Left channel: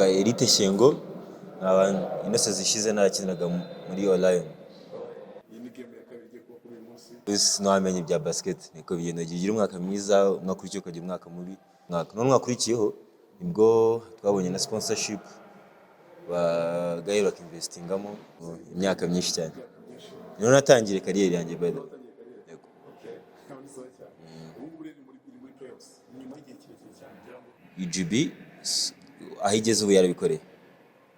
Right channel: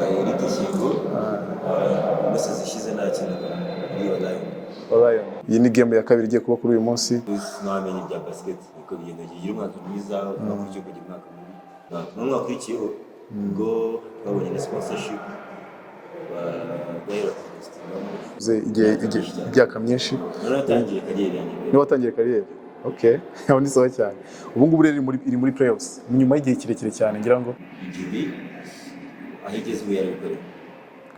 nitwa Elite Shingo. Imese zishize nakinaga muri Lion. Iyi ni game ya kabiri igiye kuba kuri uyu munsi. Sinamenye ibya basket niko bigenda, gira umwaka mwiza, umwaka kugira umwaka mubi. N'umwaka ukurikiyeho ubwo twabonye na sponsorship bagahera investingamo imyaka myinshi. Niyo natangiye kariyeri yanjye. Niyo watangiye kariyeri? Okay, aho ni sawa cyane. Ubu ngubu rero iri muri playoffs nyuma y'igihe kirekire cyane ngira ngo UGB aho igeze ubu yarabikoreye.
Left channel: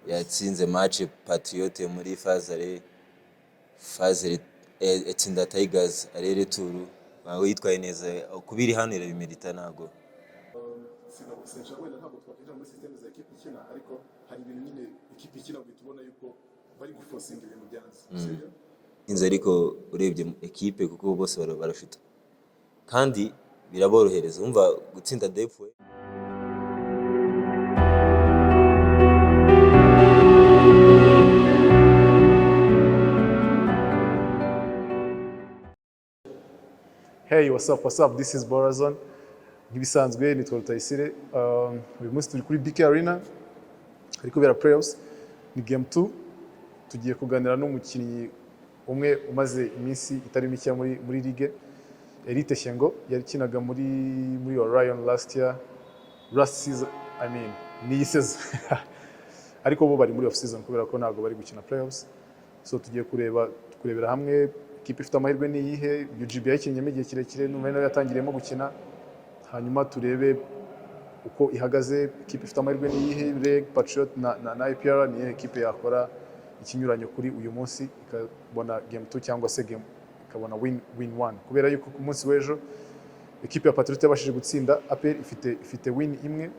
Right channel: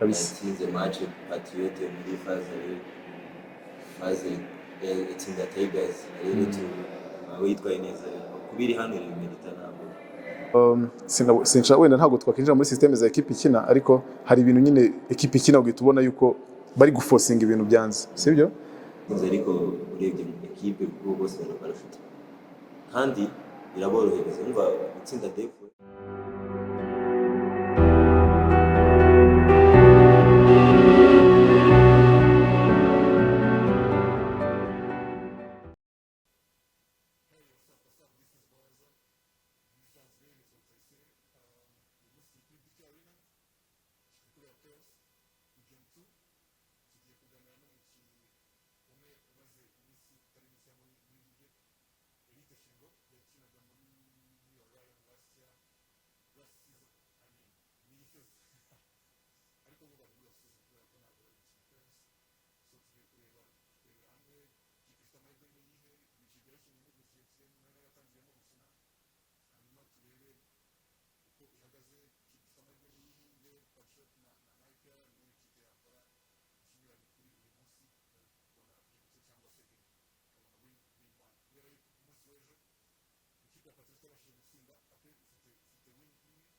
Yatsinze match Patriot muri phase etsinda Tigers arere tu nawe yitwaye neza kubiri hano irabimerita ntabwo. Sinshaka wenda ntabwo twakinjira muri system za equipe ikina, ariko hari ibintu nyine equipe ikina ugahita ubona yuko bari guforcinga ibintu byanze, sibyo? Inze ariko urebye equipe kuko bose barafite kandi biraborohereza umva gutsinda Defu. Hey, what's up? This is Borazon. Nk'ibisanzwe nitwa Rutayisire. Uyu munsi turi kuri BK Arena. Hari kubera playoffs. Ni game 2. Tugiye kuganira n'umukinnyi umwe umaze iminsi itari mike muri ligue. Elite Shingo yakinaga muri Orion last season, ni season. Ariko bo bari muri off season kubera ko ntago bari gukina playoffs. So tugiye kurebera hamwe ikipe ifite amahirwe ni iyihe. UGB yakinnye igihe kirekire n'umwe nawe yatangiriyemo gukina, hanyuma turebe uko ihagaze. Ikipe ifite amahirwe ni iyihe, Reg, Patriot na IPR ni ikipe yakora ikinyuranyo kuri uyu munsi ikabona game 2 cyangwa se game ikabona win 1, kubera yuko ku munsi w'ejo ikipe ya Patriot yabashije gutsinda APR ifite win imwe.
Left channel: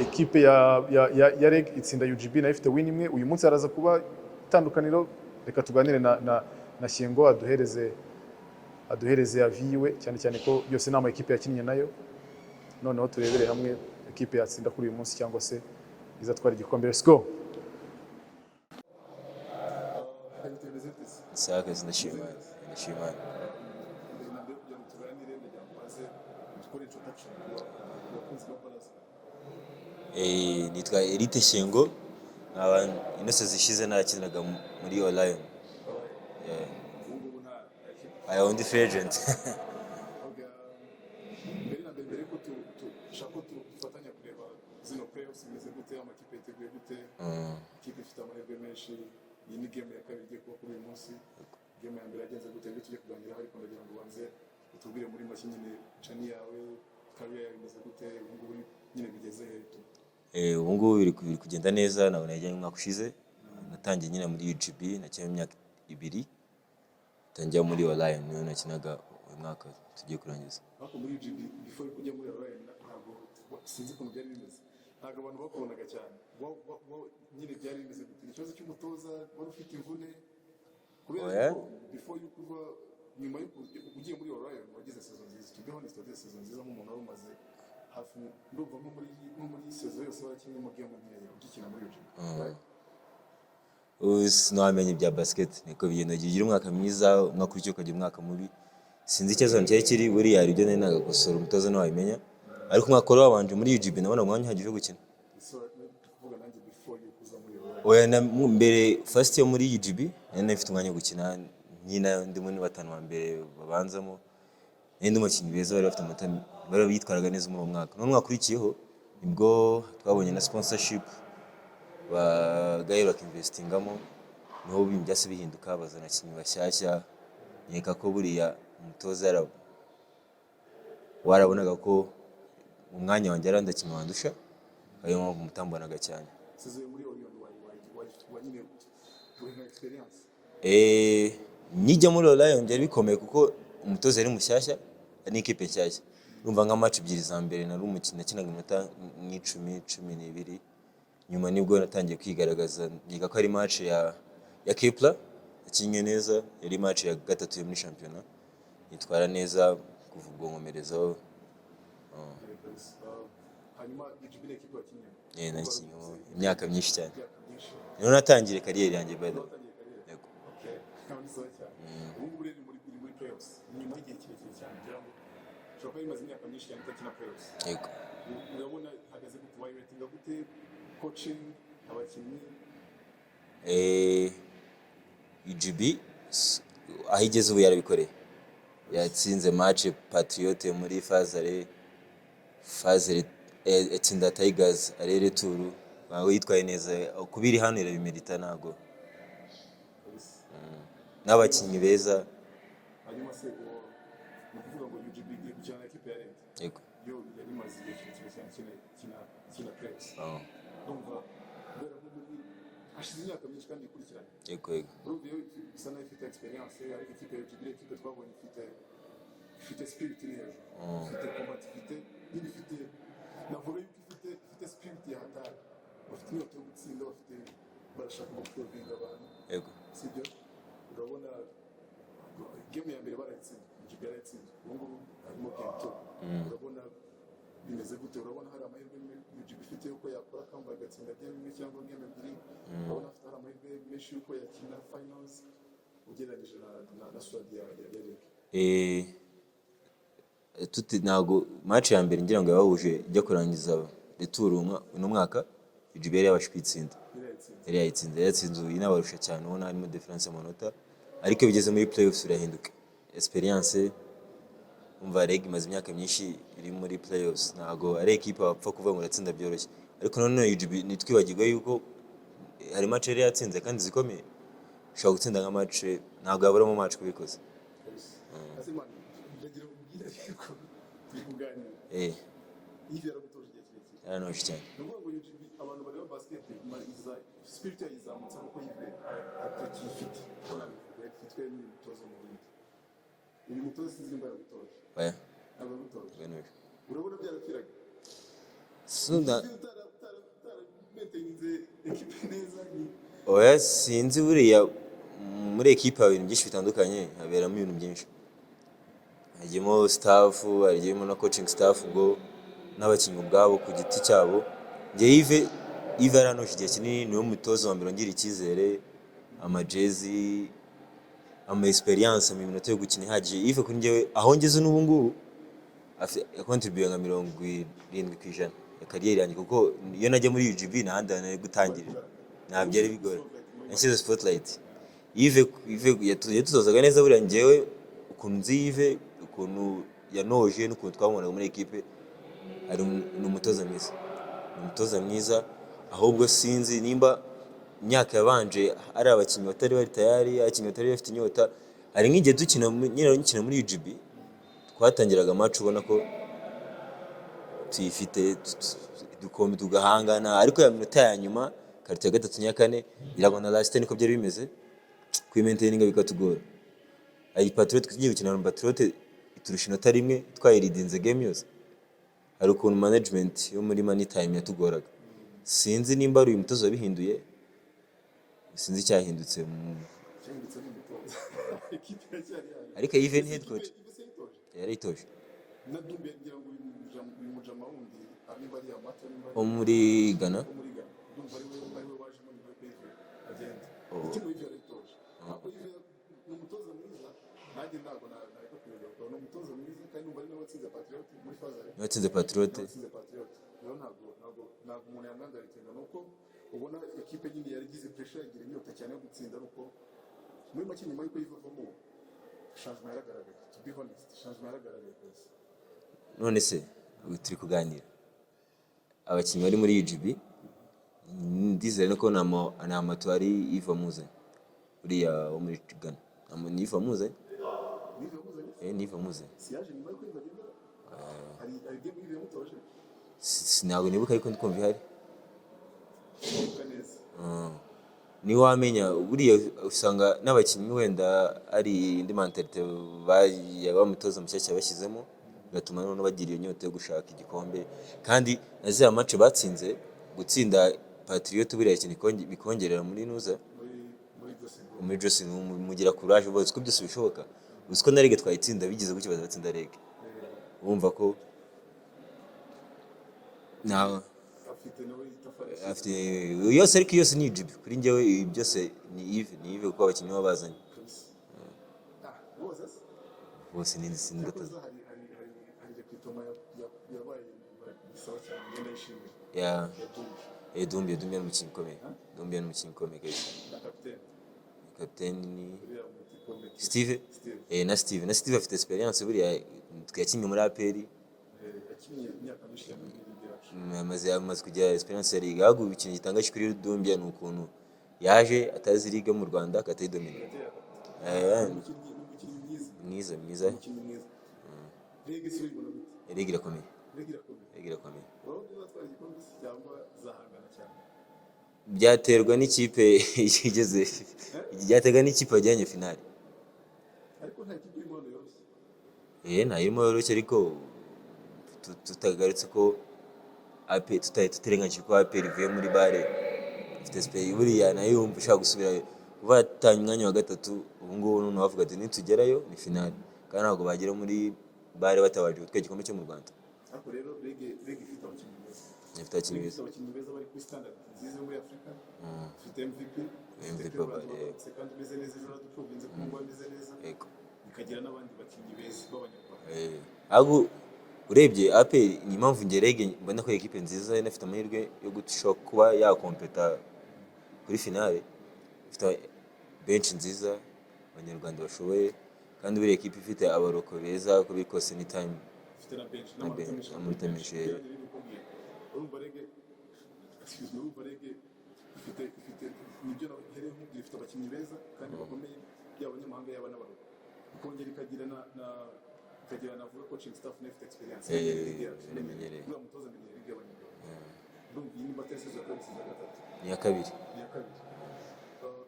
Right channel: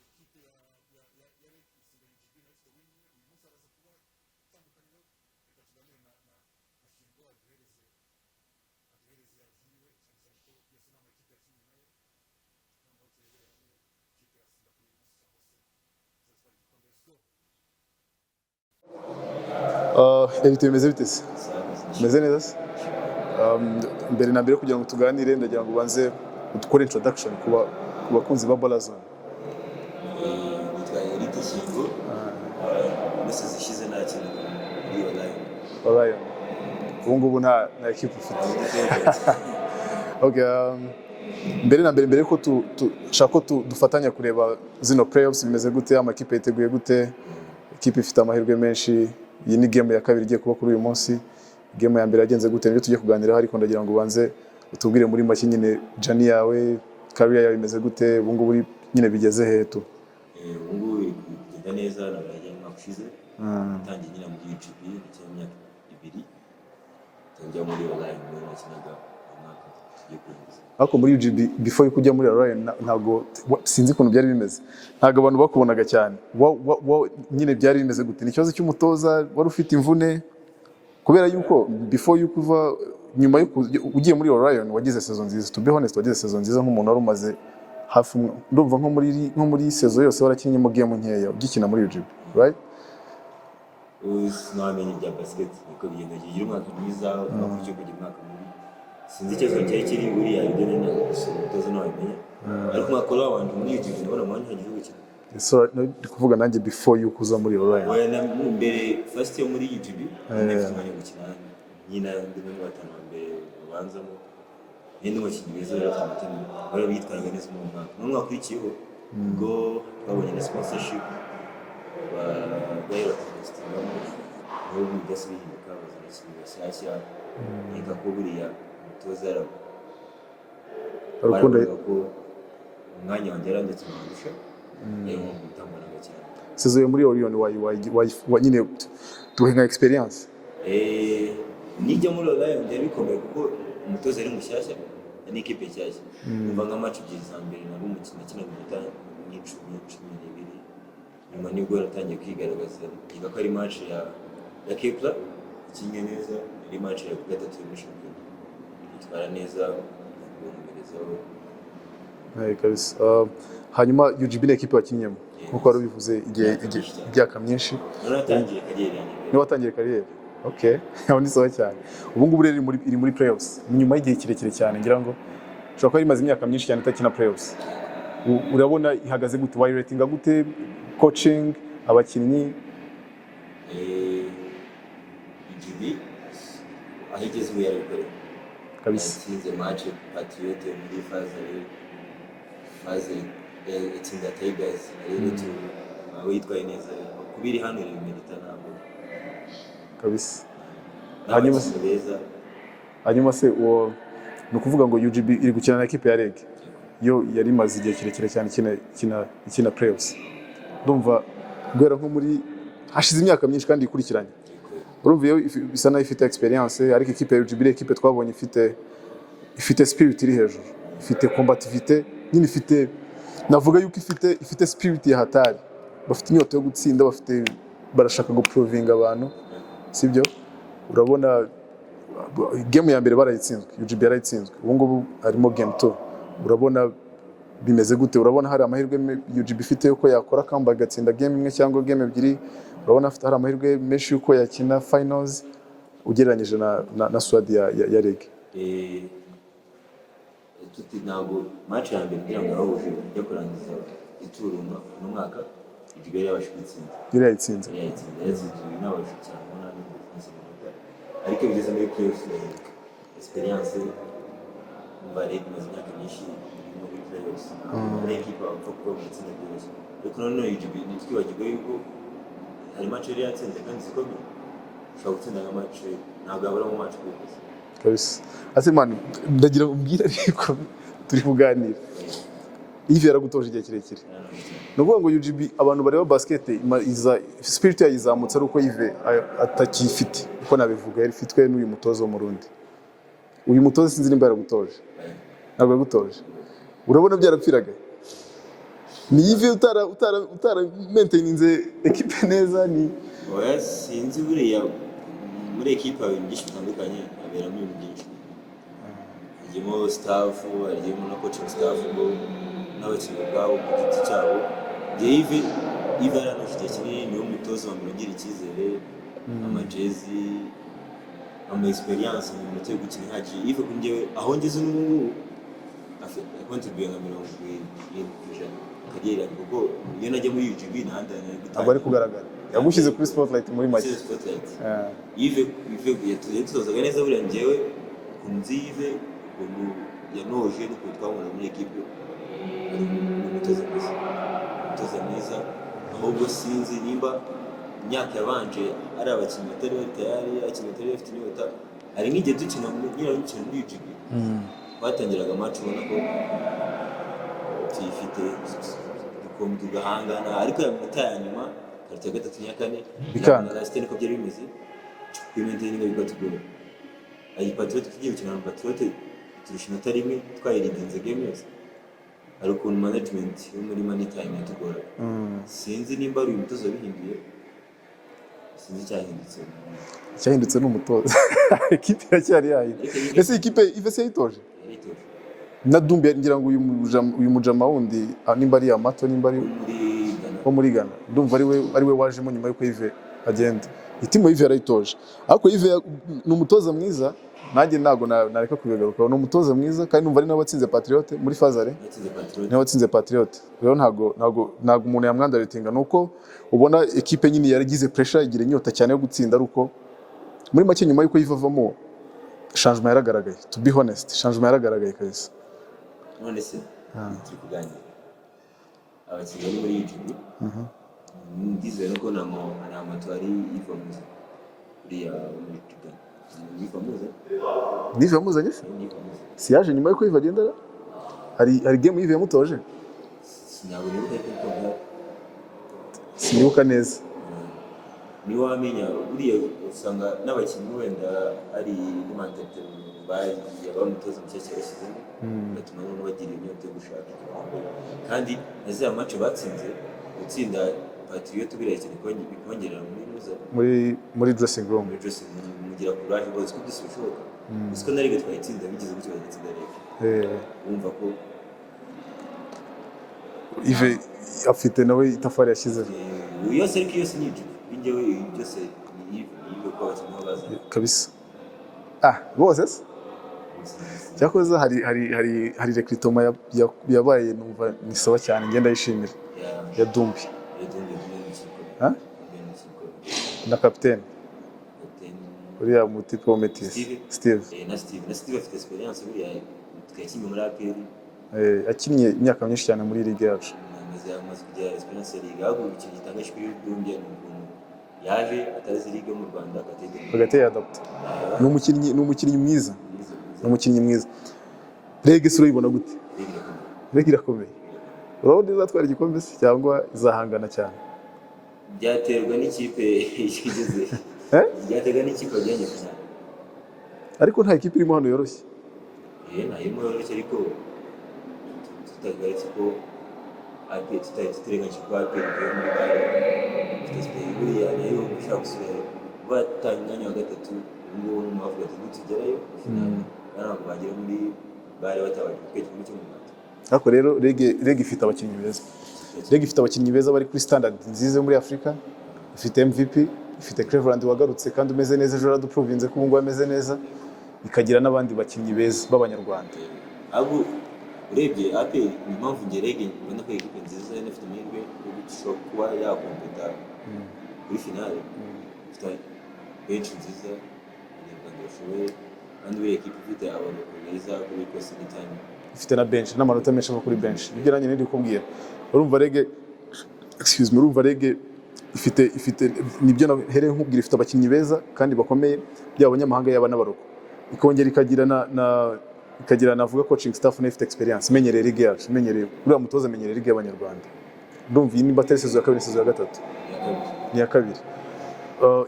Ikipe ya Reg itsinda UGB nayo ifite win imwe. Uyu munsi araza kuba itandukaniro. Reka tuganire na Shingo aduhereze aviwe cyane ko byose nama ekipe yakinnye nayo. Noneho turebere hamwe ekipe yatsinda kuri uyu munsi cyangwa se izatwara igikombe. Let's go. Elite bimeze bite se? Meze neza se? Mbere na mbere kugira ngo tuganire ndagira ngo ubanze udukore introduction ku bakunzi ba Borazon. Nitwa Elite Shingo. Imese zishize nakinaga muri Lion. Ubu ngubu nta equipe ufite. Okay, mbere na mbere ko dushaka ko dufatanya kureba zino playoffs bimeze gute, amakipe yiteguye gute, equipe ifite amahirwe menshi. Iyi ni game ya kabiri igiye kuba kuri uyu munsi. Game ya mbere yagenze gute nibyo tugiye kuganiraho, ariko ndagira ngo ubanze utubwire muri make nyine journey yawe, career yawe imeze gute, ubu ngubu nyine bigeze he tu? Ubu ngubu biri kugenda neza, nabonye nka kushize. Natangiye nyine muri UGB nakinnye imyaka 2. Tangiye muri Lion niyo nakinaga umwaka tugiye kurangiza. Ariko muri UGB before yo kujya muri Lion ntago sinzi ukuntu byari bimeze. Ntago abantu bakubonaga cyane. Nyine byari bimeze gute? Ni ikibazo cy'umutoza wari ufite imvune? Kubera yuko before yo kuva nyuma yo ugiye muri Lion wagize season nziza. To be honest, wagize season nziza nk'umuntu wari umaze hafi ndumva nko muri season yose warakinnye mu game nkeya ugikina muri UGB, right? Sinamenye ibya basket niko bigenda, gira umwaka mwiza, umwaka kugira umwaka mubi. Sinzi icyo cyari kiri buri hari ibyo nena gusoma umutoza nawe abimenya. Ariko umwaka wabanje muri UGB nabona mwanya hagije gukina. So ndi kuvuga nanjye before you kuza muri Lion. Oya na mbere first yo muri UGB nifite umwanya gukina nyina ndimo ni batanu wa mbere babanzamo. Ndi umukinnyi beza bari bafite amateme bari bitwaraga neza mu mwaka. Mu mwaka ukurikiyeho ubwo twabonye na sponsorship bagahera investingamo niho byose bihinduka, bazana ikintu bashyashya. Nkeka ko buriya umutoza baravuga ko umwanya wanjye arandetse mwandusha niyo mutambanaga cyane. Sezo muri Orion wa nyine tuhenga experience. Nijya muri Lion byari bikomeye kuko umutoza ari mushyashya n'ikipe nshyashya. Umva nka match 2 za mbere nari umukino nakinaga iminota 10-12. Nyuma nibwo natangiye kwigaragaza. Nkeka ko ari match ya Kepler ikinye neza, yari match ya gatatu muri championnat. Itwara neza gukomerezaho. Kabisa. Hanyuma UGB ni equipe wakinyemo nkuko wari bivuze igihe myinshi. Niyo natangiye kariyeri yanjye. Niyo watangiye kariyeri? Okay, aho ni sawa cyane. Ubu ngubu rero iri muri playoffs nyuma y'igihe kirekire cyane ngira ngo ushobora kuba imaze imyaka myinshi cyane itakina playoffs. Urabona ihagaze gute, wayiratinga gute coaching abakinnyi UGB aho igeze ubu yarabikoreye kabisa. yatsinze match Patriote muri Fazere itsinda Tigers arere tu nawe yitwaye neza kubiri hano irabimerita ntabwo kabisa. n'abakinnyi beza. Hanyuma se uwo ni ukuvuga ngo UGB iri gukina na ekipe ya REG yo yari imaze igihe kirekire cyane ikina playoffs. Ndumva guhera nko muri hashize imyaka myinshi kandi ikurikiranye. Urumva iyo bisa nayo ifite experience, ariko ikipe ya UGB ikipe twabonye ifite spirit iri hejuru, ifite combativité, nyine ifite navuga yuko ifite spirit ya hatari, bafite inyota yo gutsinda, barashaka go provinga abantu, sibyo? Urabona game ya mbere barayitsinzwe, UGB yarayitsinzwe, ubu ngubu harimo game 2. Urabona bimeze gute? Urabona hari amahirwe UGB ifite yuko yakora comeback gatsinda game imwe cyangwa game ebyiri. Urabona hari amahirwe menshi yuko yakina finals ugereranyije na Swadi ya REG. Ntabwo match ya mbere ngira ngo yahuje ijya kurangiza retour uno mwaka UGB yabasha kwitsinda. Yatsinze inabarusha cyane, ubona harimo difference amanota, ariko bigeze muri playoffs irahinduka. Experience umva REG imaze imyaka myinshi iri muri playoffs, ntabwo ari equipe bapfa kuva mu gatsinda byoroshye, ariko none UGB nitwibagirwa yuko hari match yari yatsinze kandi zikomeye, ushobora gutsinda nka match ntabwo abura mu match kubikoze kabisa. Ase man ndagira umbwira ariko turi kuganira Yves yaragutoje igihe kirekire. No kuvuga ngo UGB abantu bareba basket spirit yayizamutse ari uko Yves atakifite uko nabivuga, yari fitwe n'uyu mutozo mu Burundi. Uyu mutozo sinzi nimba yaragutoje ntabwo yagutoje. Urabona byarapfiraga ni Yves utara maintaininze equipe neza ni oya sinzi buriya muri equipe ibintu byinshi bitandukanye haberamo ibintu byinshi, hagiyemo staff, hagiyemo na coaching staff n'abakinnyi ubwabo ku giti cyabo. Yves aranafite kinini, niwe mutozo wa mbere ugira icyizere, amajezi, experience mu minota yo gukina ihagije. Yves kuri njyewe aho ngeze n'ubu ngubu yakontribuye nka 70% kariyeri yanjye, kuko iyo najya muri UGB nahandi gutangira bari kugaragara yagushyize kuri spotlight muri make. Yves yatuzozaga neza buriya njyewe ukuntu nzi Yves ukuntu yanoje n'ukuntu twamubona muri equipe, ari umutoza mwiza. Ahubwo sinzi nimba imyaka yabanje ari abakinnyi batari bari tayari, abakinnyi batari bafite inyota. Hari nk'igihe dukina muri UGB twatangiraga match ubona ko tuyifite dukombe tugahangana, ariko ya minota ya nyuma karite ya gatatu nya kane birabona last niko byari bimeze, kwimaintainga bikatugora. Ayi Patriote tugiye gukina na Patriote turusha inota rimwe twayiridinze game yose, ari ukuntu management yo muri money time yatugoraga. Sinzi nimba ari uyu mutozo wabihinduye, sinzi cyahindutse n'umutoza equipe yacyari yayi. Ese equipe Yves yayitoje na Dumbi ngira ngo uyu mujama wundi nimba ari Amato nimba ari muri Ghana, ndumva ari we wajemo nyuma yuko Yves agenda. Itimo Yves yarayitoje, ariko Yves ni umutoza mwiza, nanjye ntago nareka kubigaruka. Ni umutoza mwiza kandi numva ari nawe watsinze Patriote muri Fazare, watsinze Patriote. Rero ntago umuntu yamwandaritinga, nuko ubona equipe nyine yaragize pressure, igira inyota cyane yo gutsinda, aruko muri make nyuma yuko yivavamo changement yaragaragaye. To be honest, changement yaragaragaye kabisa. None se turi kuganira abakinnyi bari muri UGB, ndizera ko na amatwari yifamuze uriya muri Ghana, nifamuze si yaje nyuma yuko yivagenda. Hari game Yves yamutoje, ntabwo nibuka ariko ndiko bihari, sinibuka neza. Ni wamenya buriya usanga n'abakinnyi wenda ari indi mentalite bamutoza mushyashya bashyizemo, gatuma none bagira inyota yo gushaka igikombe. Kandi naziya match batsinze, gutsinda Patriote buriya cyane bikongerera muri nuza muri dressing room mugira courage bose ko byose bishoboka. Usko na REG twayitsinda bigize gutyo bazatsinda REG. Bumva ko Yves afite nawe itafari yashyize yose, ariko yose ni UGB kuri njyewe byose ni Yves ko abakinnyi babazanye kabisa. Bose cyakoze hari recruitment yabaye, numva ni sawa cyane, ngenda yishimira ya Dumbi. Dumbia ni umukinnyi ukomeye. Huh? Dumbia ni umukinnyi ukomeye. na kapiteni Kapiteni uriya mutipe wa Metis Steve. na Steve afite experience buriya twakinnye muri APR. Akinnye imyaka myinshi cyane muri ligue yacu. Amaze kugira experience ya ligue. Ahubwo ikintu gitangaje kuri Dumbia ni ukuntu yaje atazi ligue mu Rwanda agateye adapt. Ni umukinnyi mwiza. Umukinnyi mwiza. Rege sura ibona gute? Rege irakomeye. Urabona izatwara igikombe se cyangwa izahangana cyane? Byaterwa n'ikipe igeze. Byaterwa n'ikipe yageze finale. Ariko nta ikipe irimo hano yoroshye. Nta irimo yoroshye ariko tutagarutse ko tutarenganyije ko APR ivuye muri bare. Buriya nayo ushaka gusubira batanga umwanya wa gatatu ngo n'umuntu avuga ati nitugerayo ni finale. Kandi ntabwo bagera muri bare batabanje gutwara igikombe cyo mu Rwanda. Ariko rero Rege ifite abakinnyi beza. Rege ifite abakinnyi beza bari kuri standard nziza muri Afrika. Ifite MVP, ifite Cleveland wagarutse kandi umeze neza, ejo araduprovinze ko ubungu ameze neza. Ikagira n'abandi bakinnyi beza b'abanyarwanda. Ahubwo urebye APR ni impamvu nge Rege mbona ko equipe nziza inafite amahirwe yo gushobora kuba yakompeta kuri finale. Ifite bench nziza abanyarwanda bashoboye kandi buri equipe ifite abaroko beza kuri cost time. Ifite na bench n'amanota menshi ava kuri bench. Ibyo nanjye ndi kubwira. Urumva Rege ifite nibyo nahereye nkubwira, ifite abakinnyi beza kandi bakomeye byaba abanyamahanga yaba n'abaroko. Ikongera ikagira navuga coaching staff ifite experience menyereye Ligue yacu, menyereye uriya mutoza menyereye Ligue y'abanyarwanda. Ndumva iyi ni batari sezo ya kabiri, sezo ya gatatu. Ni ya kabiri.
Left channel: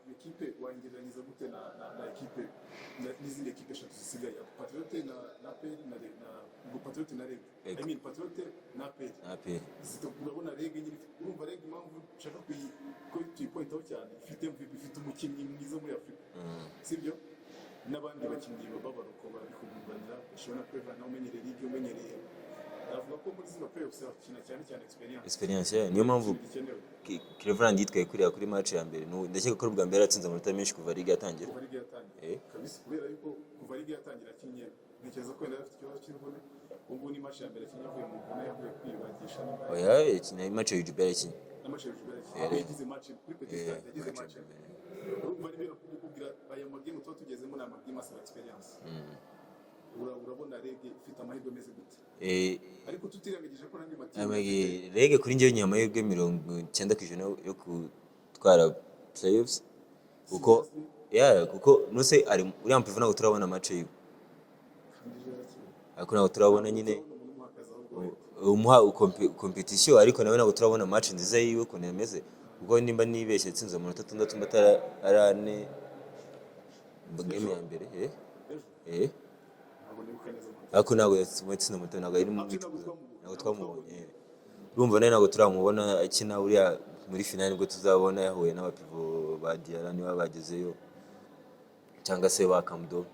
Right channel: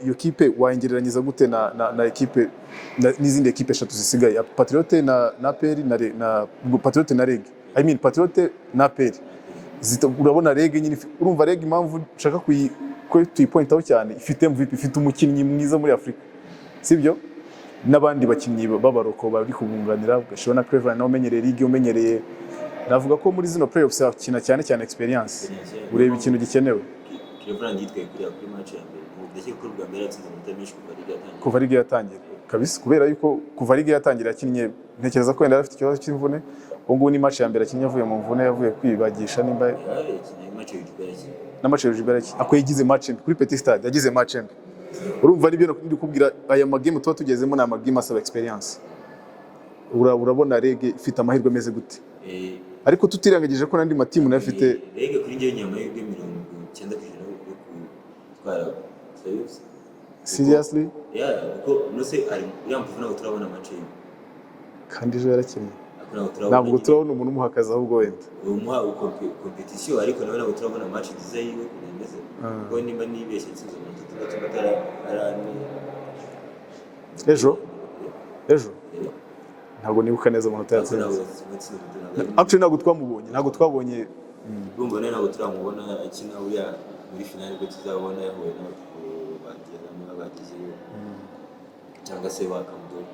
Iyo kipe wayengereranyiza gute na equipe n'izindi equipe eshatu zisigaye, Patriote na APR na Patriote na Rege. I mean Patriote na APR. Urabona Rege nyine, urumva Rege impamvu nshaka ko tuyipointaho cyane, ifite MVP, ifite umukinnyi mwiza muri Afrika. Sibyo? N'abandi bakinnyi b'abaroko bari kubunganira, ugashobora na Cleveland nawe umenyereye Ligue, umenyereye. Navuga ko muri zino playoffs akina cyane experience. Ureba ikintu gikenewe. Cleveland yitwaye kuri match ya mbere. Ndakeka ko ubwa mbere yatsinze amanota menshi kuva Ligue yatangiye. Kabisa, kubera yuko kuva Ligue yatangira yakinnye, ntekereza ko yenda afite ikibazo cy'imvune. Ubwo ni match ya mbere akinnye avuye mu mvune, yavuye kwibagisha nimba. Match ya Jubeleki. Na match ya Jubeleki. Ako yigize match kuri Petit Stade, yagize match mbi. Urumva nibyo ndi kubwira, aya magame tuba tugezemo na magame asaba experience. Urabona Rege ifite amahirwe meze gute? Ariko tutirangagije ko nandi matimu nafite Rege kuri njye nyama y'ubwe 90% yo gutwara playoffs. Seriously? Kuko nose ari uri ampufu nago turabona match yo. Kandi ejo yarakinnye. Ntabwo turabona umuntu umuhakaza ahubwo wenda. Umuha competition ariko nawe ntabwo turabona match nziza yiwe kunemeze. Kuko nimba nibeshye tsinze mu 6 matara arane. Ejo ntabwo nibuka neza umuntu yatsinze. Actually ntabwo twabonye. Urumva nawe ntabwo turamubona akina uriya muri finale ngo tuzabona yahuye n'abapipo bagirana niba bagezeyo cyangwa se bakamdo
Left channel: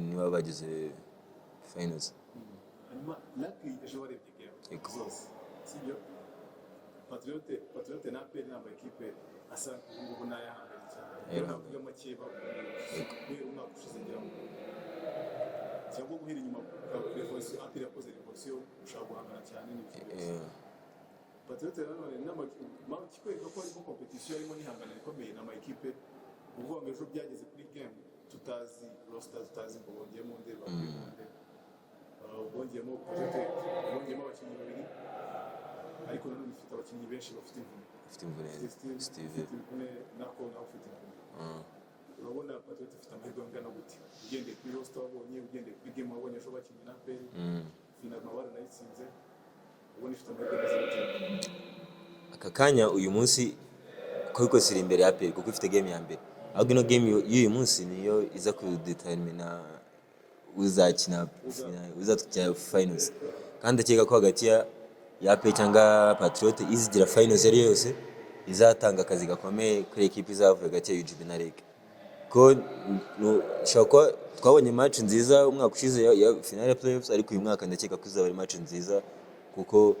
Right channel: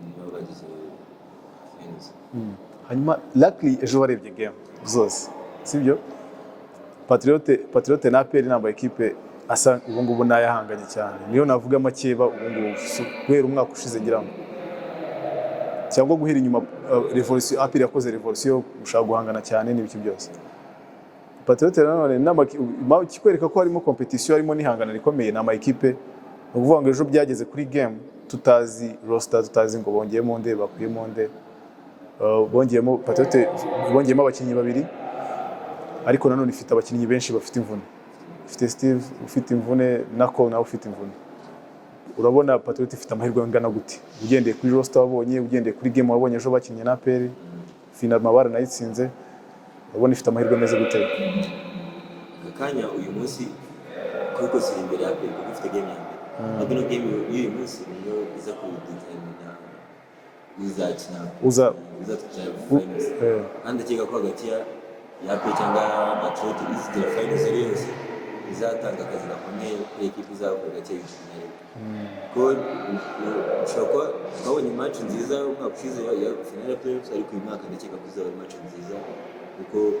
niba bageze finals. Hanyuma luckily ejo barebye game zose, sibyo? Patriote na APR namba equipe asa ubu ngubu nayahanganye cyane, niyo navuga makeba ubu ngubu guhera umwaka ushize ngira ngo cyangwa guhera inyuma revolution. APR yakoze revolution ushaka guhangana cyane n'ibiki byose. Patriote nanone kikwereka ko harimo competition, harimo n'ihangana rikomeye n'ama equipe. Uvuga ngo ejo byageze kuri game tutazi roster, tutazi ngo bongeyemo nde bakuyemo nde. Bongeyemo Patriote, bongeyemo abakinnyi babiri, ariko nanone ifite abakinnyi benshi bafite imvune. Ifite Steve ufite imvune na Cole nawe ufite imvune. Urabona Patriote ifite amahirwe angana gute ugendeye kuri roster wabonye, ugendeye kuri game wabonye ejo bakinnye na APR final mabara nayitsinze. Urabona ifite amahirwe meze gute aka kanya uyu munsi kuko siri imbere ya APR kuko ifite game ya mbere. Ahubwo no game y'uyu munsi niyo iza kudetermina uzakina uzatujya finals. Kandi akeka ko hagati ya APR cyangwa Patriote izitira finals ari yose izatanga akazi gakomeye kuri equipe izavuga hagati ya UGB na Rege. Ko ushaka twabonye match nziza umwaka ushize ya final ya playoffs, ariko uyu mwaka ndakeka ko izaba match nziza kuko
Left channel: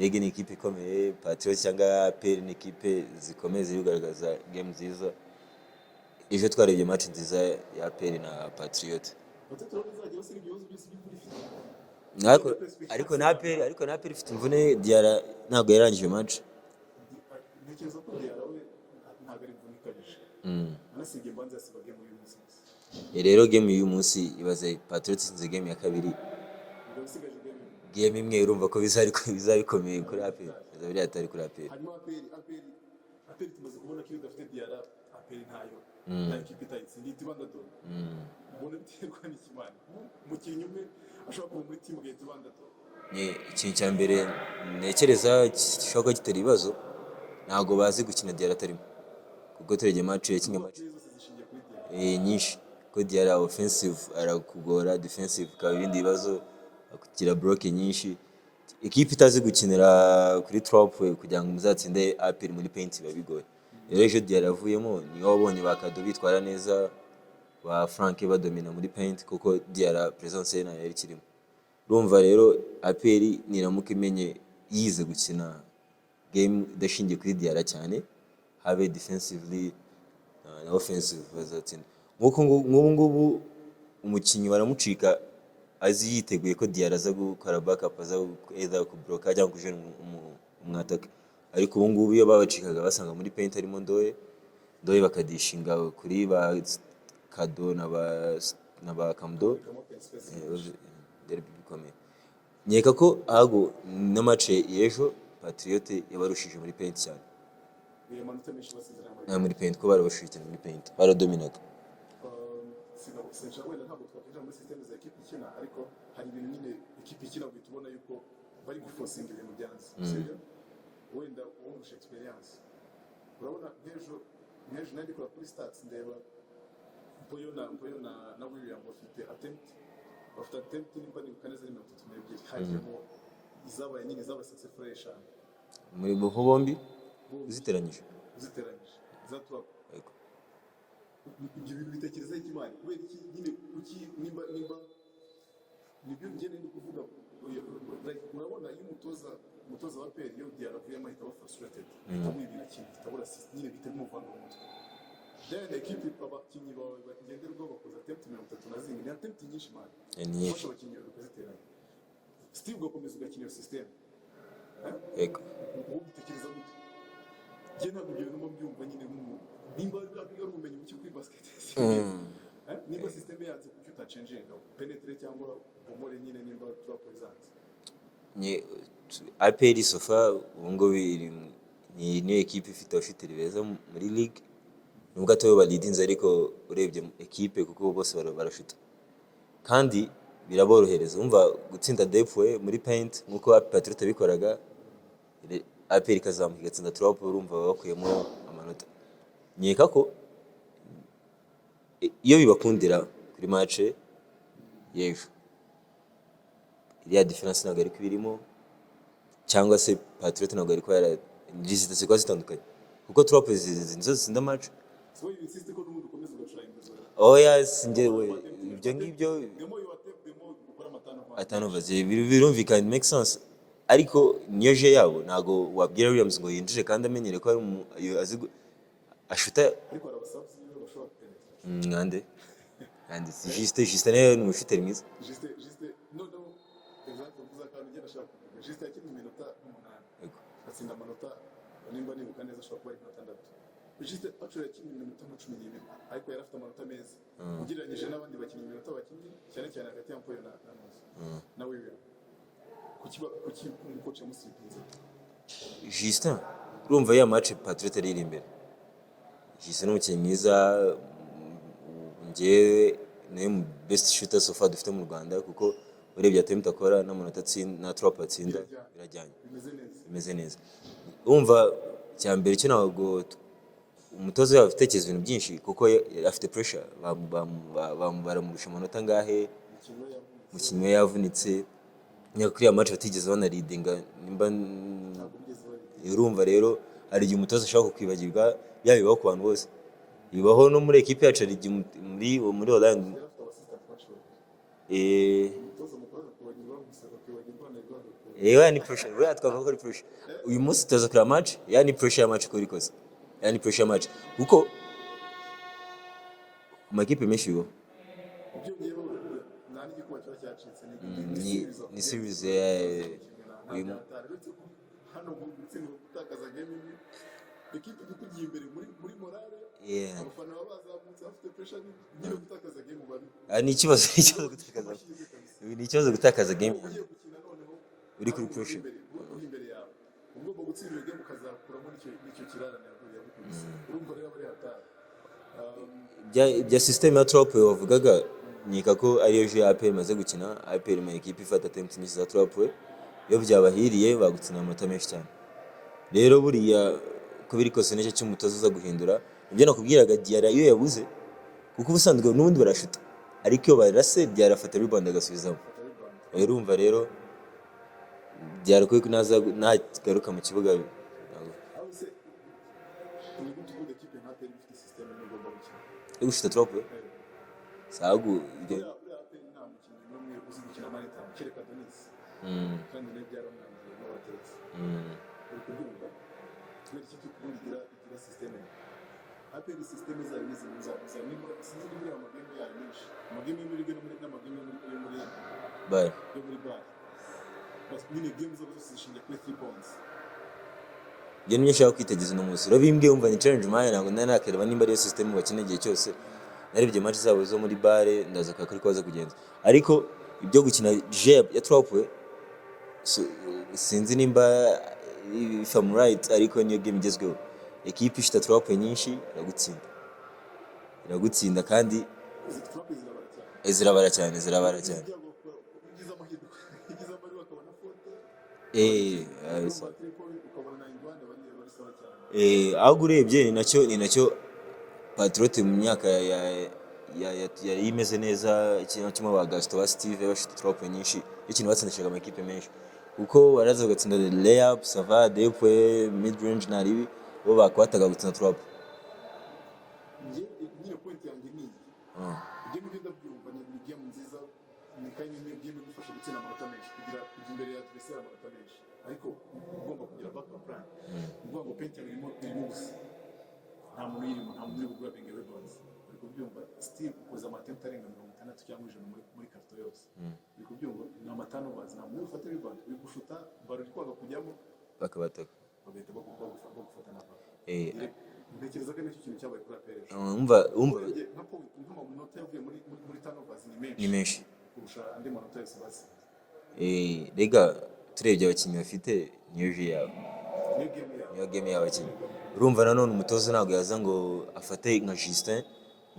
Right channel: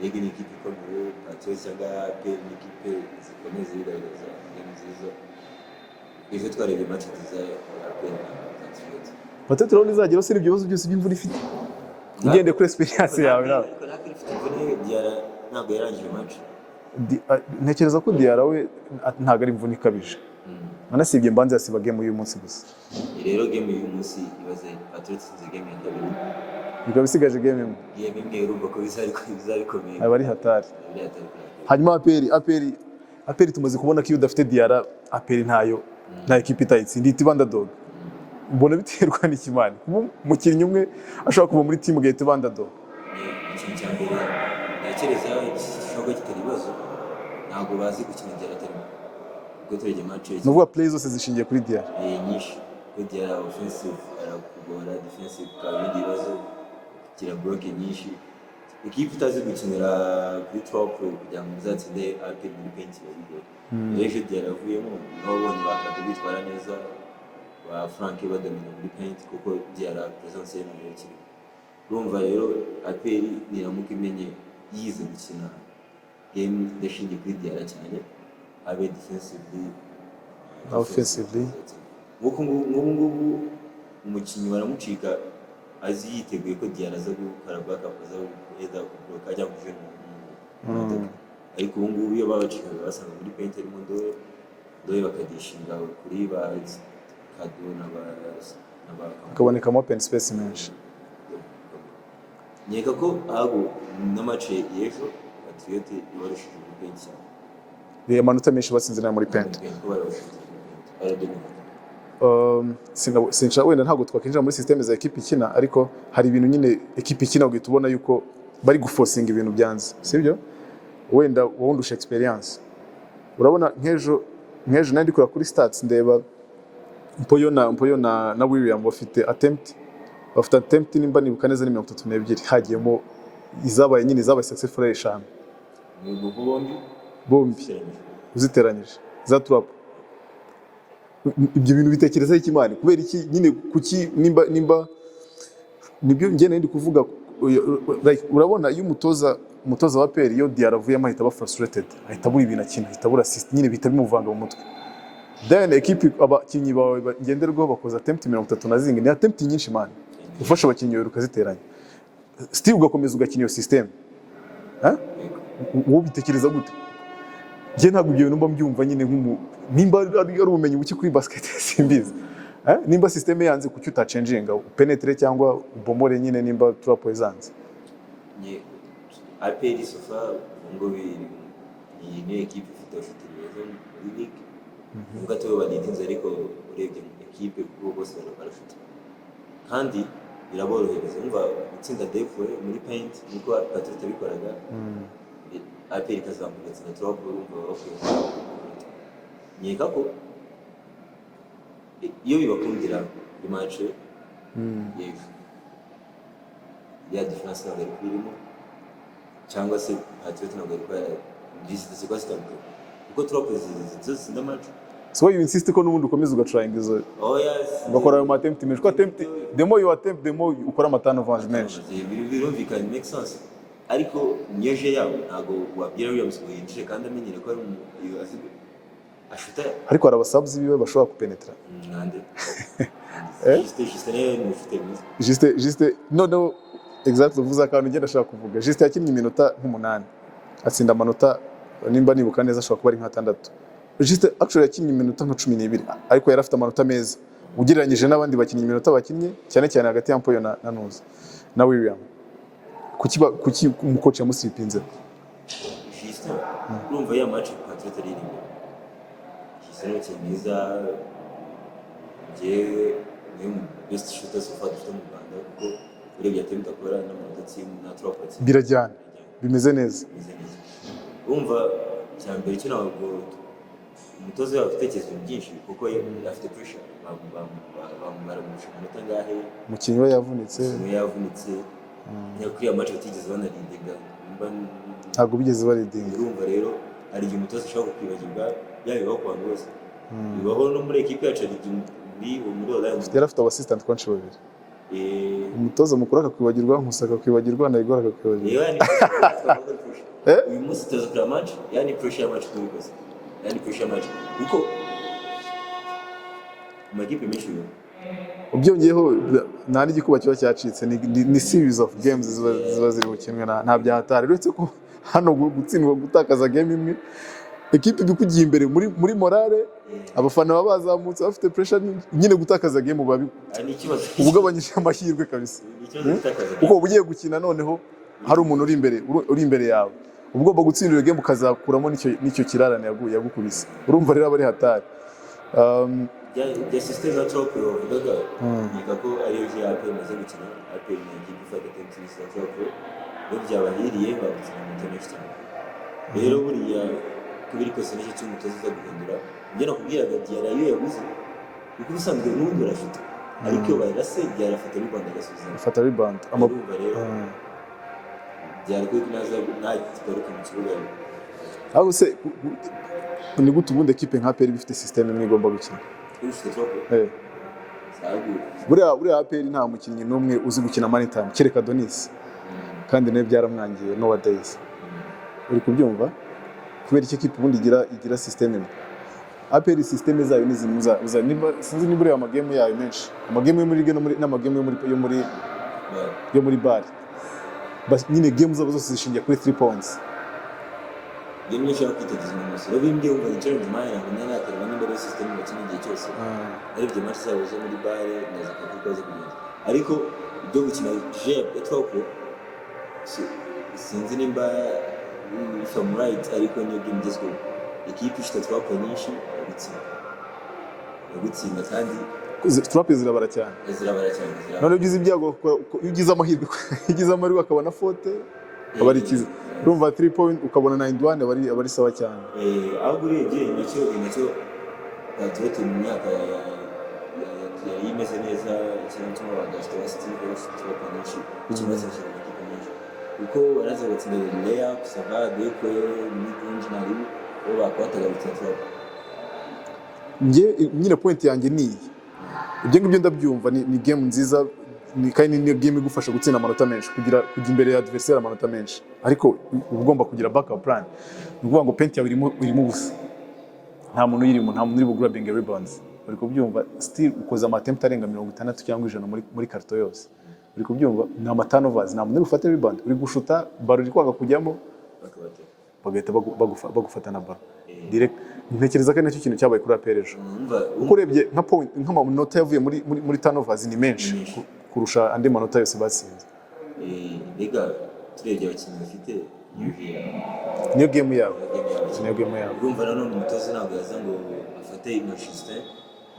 Rege ni equipe ikomeye, Patriote cyangwa APR ni equipe zikomeye zigaragaza game nziza. Ejo twarebye match nziza ya APR na Patriote. Patriote rero izagera se ibibazo byose by'imvune ifite ugende kuri experience yawe. Ariko na APR ifite imvune Diarra ntabwo yarangije match. ntekereza ko Diarra we ntabwo ari imvune ikabije anasibye mbanza yasiba game y'uyu munsi gusa rero game y'uyu munsi ibaze Patriots itsinze game ya kabiri bikaba bisigaje game imwe urumva ko bizabikomeye aba ari hatari kuri APR. hanyuma APR tumaze kubona ko iyo udafite Diarra APR ntayo nta ekipe itayitsinda ihita iba underdog mbona biterwa n'ikimani umukinnyi umwe ashobora kuva muri team gahita iba underdog ikintu cya mbere ntekereza gishobora kuba kitari ibibazo ntabwo bazi gukina Diarra atarimo ubwo turegeye match ni ukuvuga play zose zishingiye kuri Diarra nyinshi kuko Diarra offensive arakugora defensive ukaba ibindi bibazo kugira block nyinshi ikipe itazi gukinira kuri trop kugira ngo muzatsinde APR muri paint biba bigoye rero ejo Diarra avuyemo niho babonye bakadu bitwara neza ba Frank badomina muri paint kuko Diarra presence ye nayo ikirimo urumva rero APR niramuka imenye yize gukina game idashingiye kuri Diarra cyane habe defensively offensively ngubu umukinnyi baramucika azi yiteguye ko Diarra aza gukora backup aza either kubloka cyangwa kujena mu attack ariko ubu ngubu iyo babacikaga basanga muri paint harimo Ndoye bakadishinga kuri ba Kado na ba kabonekamo open space menshi nyeka ko ahubwo na match y'ejo Patriot yabarushije muri paint cyane amanota menshi batsinze na muri paint ko bararushije muri paint baradominate sinshaka wenda ntabwo twakinjira muri systeme za ekipe ikina ariko hari ibintu nyine ekipe ikina ugahita ubona yuko bari guforcinga ibintu byanze sibyo wenda wowe undusha experience urabona nk'ejo nandi kura kuri stats ndeba Mpoyo na William bafite attempt nimba nibuka neza ni 32 hagiyemo izabaye successful 5 bombi uziteranyije za trap ibyo bintu bitekereza ikimani kubera iki nyine kuki nimba nibyo ngiye nandi kuvuga like urabona iyo umutoza wa APR iyo Diarra avuye amahita ba frustrated ahita buri ibintu akina ahita bura assist nyine bita bimuvanga mu mutwe then equipe abakinyi bawe ngenderwaho bakoza attempt 30 na zingi ni attempt nyinshi man ufasha abakinyi bawe ukaziteranya still ugakomeza ugakina iyo system wowe bitekereza gute je ntabwo ibyo bintu mba mbyumva nyine nimba ari ubumenyi buki kuri basket simbizi nimba system yanze kuki utachanginga penetrate cyangwa ubomore nyine nimba trap ezanze APR sofa ngo ni equipe ifite abashitiri beza muri league nubwo atayo balidinze ariko urebye equipe kuko bose barashuta kandi biraborohereza umva gutsinda defwe muri paint nkuko Patriot bikoraga APR kazamuka gatsinda trap urumva bakuyemo amanota nyeka ko iyo bibakundira kuri match y'ejo ya difference ntabwo ari kubirimo cyangwa se Patriot ntabwo ari kwara gisite kwa zitandukanye kuko trop zitsinda match so you insist ko nubundi ukomeza ugatrying izo yes bakora ayo attempt menshi ko attempt the more you attempt the more ukora amatano advance menshi birumvikana make sense ariko niyo je yabo ntago wabwira Williams ngo yinjije kandi amenyere ko ari azi ashuta ariko hari abasabs biwe bashobora kupenetra ngande juste ne mu shooter mwiza juste no exact uvuza kandi ngenda ashaka kuvuga juste yakinnye iminota nk'8 atsinda amanota nimba nibuka neza ashobora kuba ari nk'6 juste actually yakinnye iminota nka 12 ariko yari afite amanota meza ugereranyije n'abandi bakinnyi iminota bakinnye cyane hagati ya Mpoyo na Nuza na William kuki umucoach yamusipinze juste urumva ya match Patriot ari imbere juste no cyemiza ngiye ni best shooter so far dufite mu Rwanda kuko urebye attempt akora n'amanota atsinda na trap atsinda birajyana bimeze neza urumva cya mbere cyo ntabwo umutoza yawe afite ibintu byinshi kuko afite pressure baramusha amanota ngahe umukinnyi we yavunitse nyakuri ya match batigeze banaridinga ntabwo bigeze baridinga urumva rero ari igihe umutoza ashaka kukwibagirwa yabibaho ku bantu bose bibaho no muri equipe yacu ari igihe muri Orlando yari afite assistant coach babiri umutoza mukuru akakwibagirwa nkusaka kwibagirwa na Igor akakwibagirwa ni pressure uyu munsi tuza kuri match yani pressure ya match kuri koze yani pressure match uko amakipe menshi yo ubyongeyeho nta n'igikuba kiba cyacitse ni series of games ziba ziri bukinwe nta byahatari uretse ko hano gutsindwa gutakaza game imwe ekipe bikugiye imbere muri morale abafana baba bazamutse bafite pressure nyine gutakaza game babi ni ikibazo ugabanyije amahirwe kabisa ni ikibazo gutakaza game kuko ugiye gukina noneho hari umuntu uri imbere yawe ugomba gutsindira game ukazakuramo nicyo kirarane yagukubise urumva rero abari hatari ya system ya trop bavugaga yika ko ariyo je AP maze gukina AP ni equipe ifata tennis za trop yo byabahiriye bagukina amata menshi cyane rero buriya kubiri kose n'icyo cy'umutozo uza guhindura ibyo nakubwiraga Diarra iyo yabuze kuko ubusanzwe n'ubundi barashuta ariko iyo barase Diarra afata rebound agasubiza afata rebound urumva rero Diarra kuko nagaruka mu kibuga aho se ni gute ubundi equipe nka APR bifite system imwe igomba gukina ifite trop sagu buriya APR nta mukinnyi n'umwe uzi gukina money time kereka Donis kandi nawe byaramwangiye nowadays uri kubyumva kubera iki equipe ubundi igira system imwe APR system zayo ni zimuza sinzi ni buriya amagame yayo menshi amagame yo muri ligue n'amagame yo muri bar bas nyine game zabo zose zishingiye kuri 3 points game nyinshi aho kwitegereza no munsi rabimbye umva ni challenge maya ntabwo nakareba nimba ari system bakina igihe cyose narebye match zabo zo muri bar ndaza kuri kwaze kugenda ariko ibyo gukina jeb ya trop sinzi nimba if I'm right ariko niyo game igezweho equipe ifite trop nyinshi yagutsinda kandi trop zirabara cyane none ugize ibyago ugize amahirwe akabona faute abari kizi urumva 3 point ukabona 91 abari sawa cyane aho urebye nacyo Patriote mu myaka yari imeze neza ikintu kimwe bagasita ba Steve bafite trop nyinshi ikintu bazashaka mu equipe menshi uko baraza gatsinda layup sava depoye mid range nari bo bakwataga gutsinda trop nyine point yanjye ni ibyo ngibyo ndabyumva ni game nziza kandi ni game igufasha gutsinda amanota menshi kujya imbere ya adversaire amanota menshi ariko ugomba kugira backup plan ni ukuvuga ngo point yawe irimo ubusa nta muntu uri grabbing rebounds uri kubyumva still ukoza amatempt arenga 60 cyangwa 100 muri karto yose uri kubyumva ni amaturnovers nta muntu uri gufata rebound uri gushuta baro iri kwanga kujyamo bagahita bagufata na baro direct ntekereza ko nacyo kintu cyabaye kuri APR ejo urebye nk'amanota yavuye muri turnovers ni menshi kurusha andi manota yose batsinze rega turebye abakinnyi bafite niyo game yabo urumva nanone umutoza ntabwo yaza ngo afate nka Justin